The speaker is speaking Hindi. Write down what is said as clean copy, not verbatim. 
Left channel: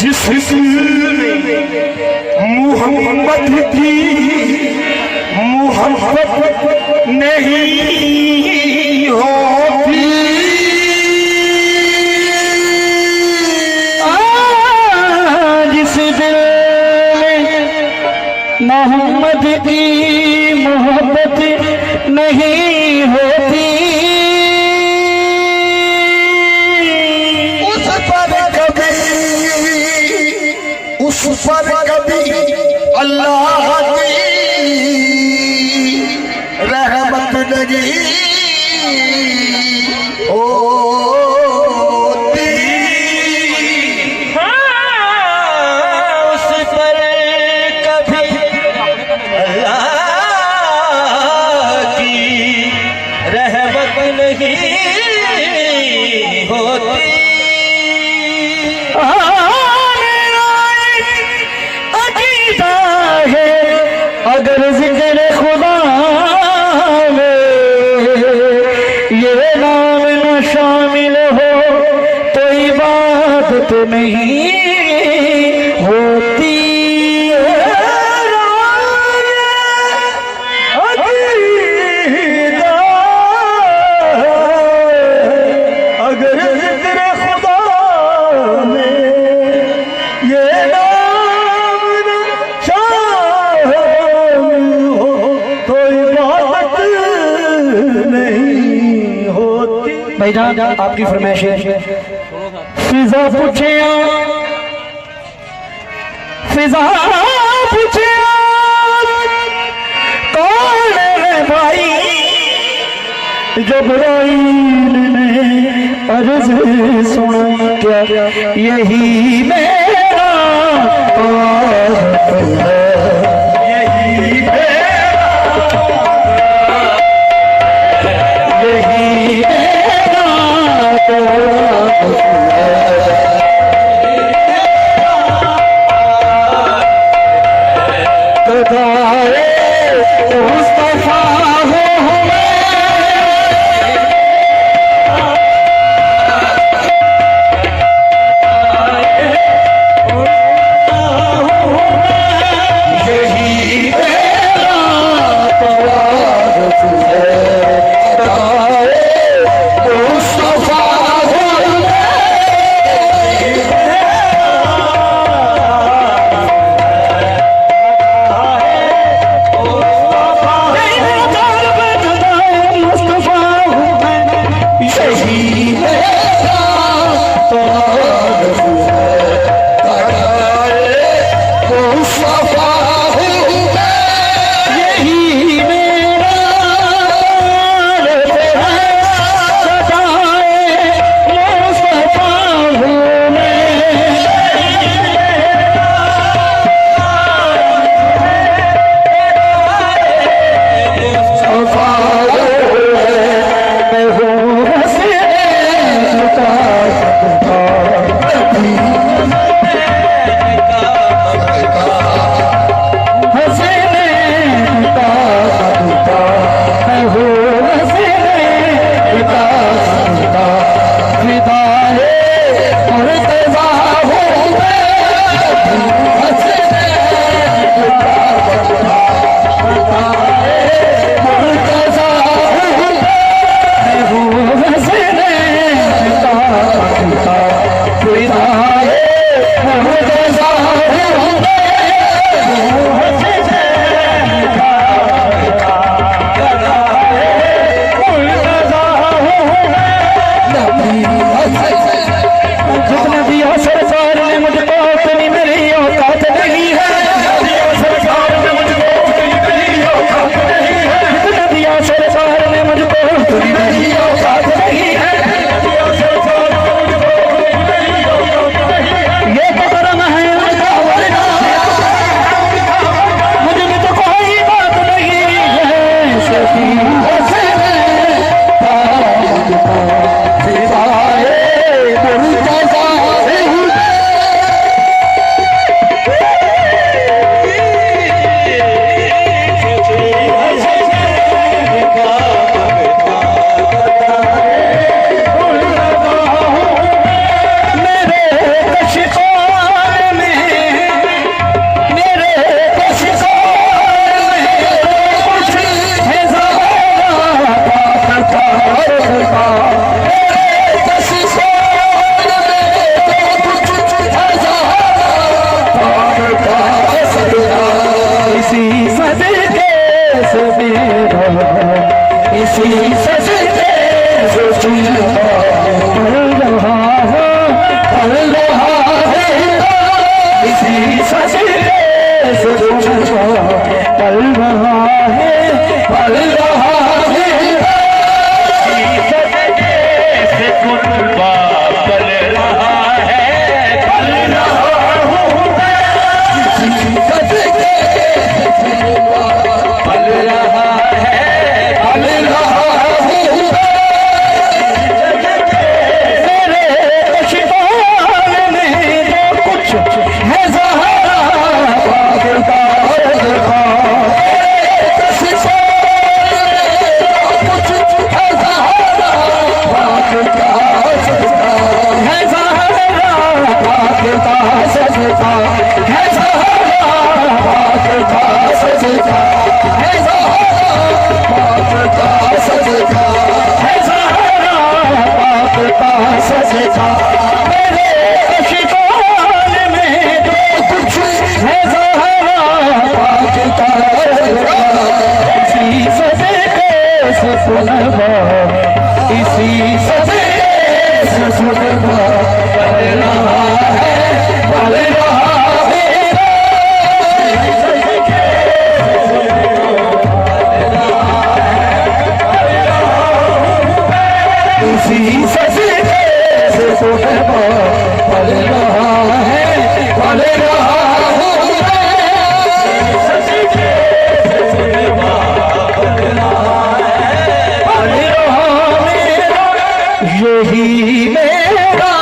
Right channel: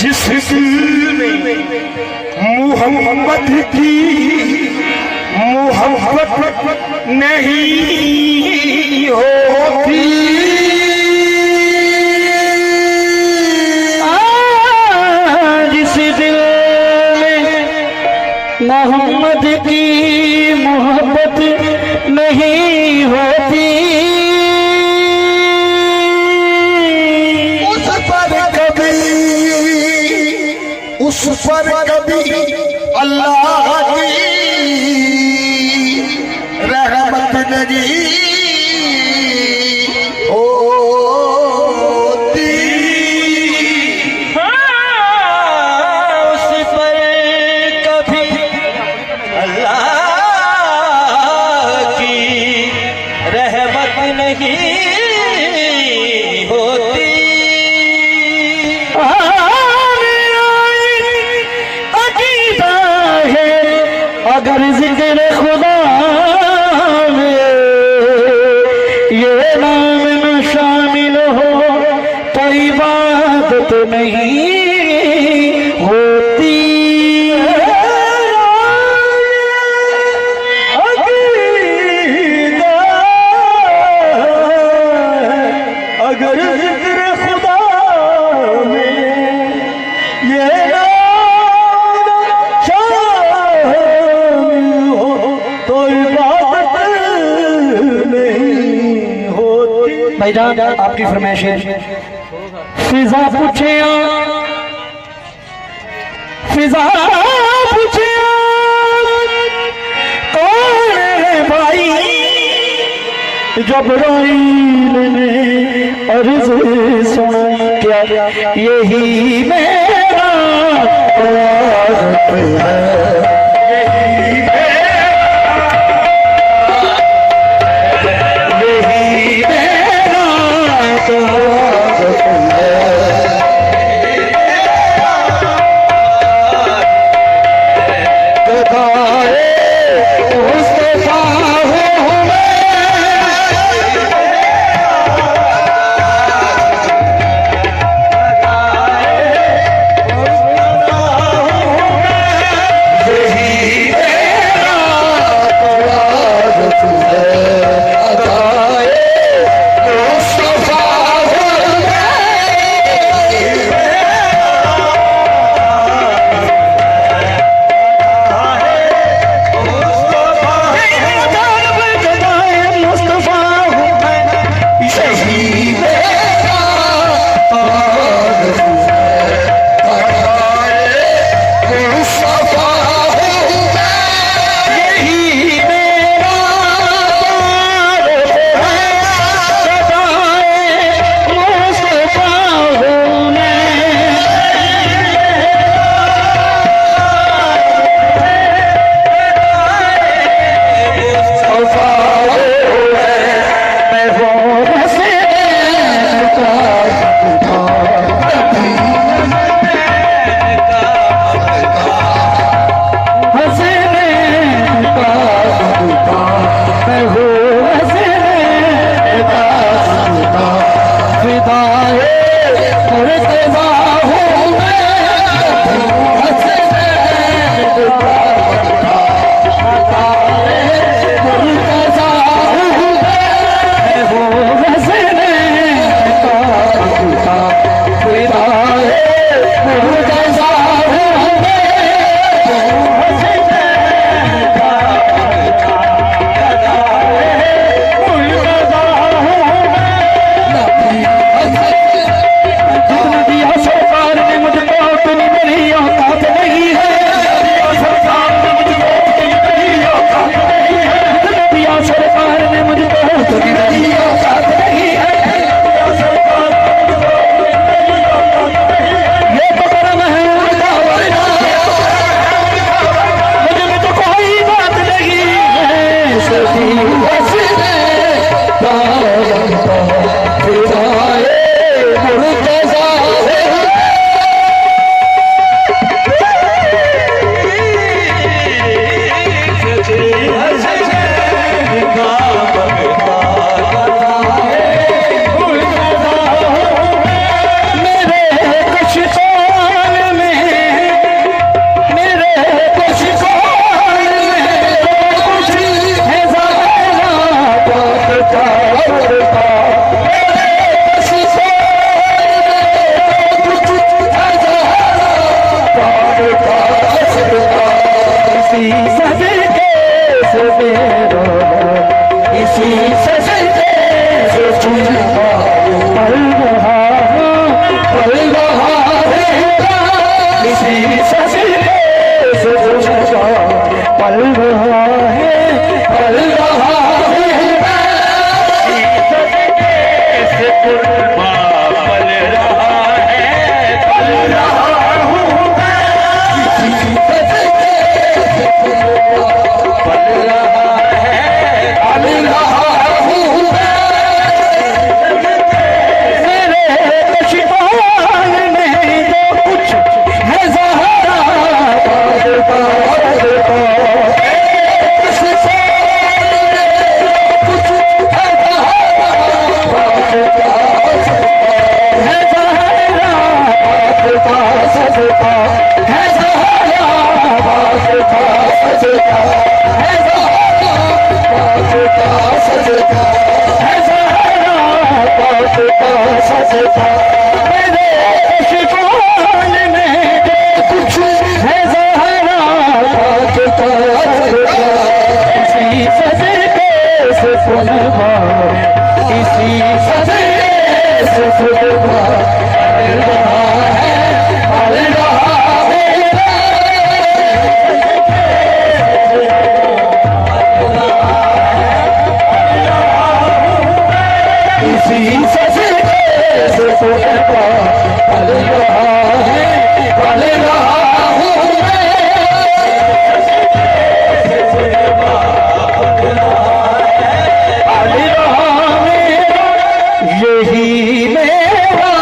जिसने मोहब्बत की मोहब्बत नहीं होती, जिस दिल में मोहम्मद की मोहब्बत नहीं होती, उस पर कभी अल्लाह की रहमत नहीं होती। उस पर कभी अल्लाह की रहमत नहीं होती। अगर जिक्र खुदा में ये नाम न शामिल हो तो इबादत नहीं होती। अगर जिक्र खुदा में ये भाईजान आपकी फरमाइश है। फिजा पूछे कौन है भाई, जब्राइल ने अर्ज़ सुनी क्या यही मेरा इसी सजदे से जिंदा पल रहा है, पल रहा है, इसी सजदे से जिंदा पल रहा है, पल रहा है, इसी सजदे से कुर्बा पल रहा है, पल रहा हूँ मैं, इसी सजदे से कुर्बा पल रहा है, पल रहा हूँ मैं, मेरे कशितान में जो कुछ है ज़हरा बादता है सजदा है ज़हरा बादता सजदा है ज़हरा बादता सजदा है ज़हरा बादता सजदा मेरे अशिकान में जो कुछ है ज़हरा बादता सजदा इसी सजदे से सुनवा है इसी सजदे से सुनवा इसी सजदे से सुनवा पल रहा है, पल रहा हूँ मैं, सजदे से सुनवा पल रहा है, पल रहा मेरा यही मेरा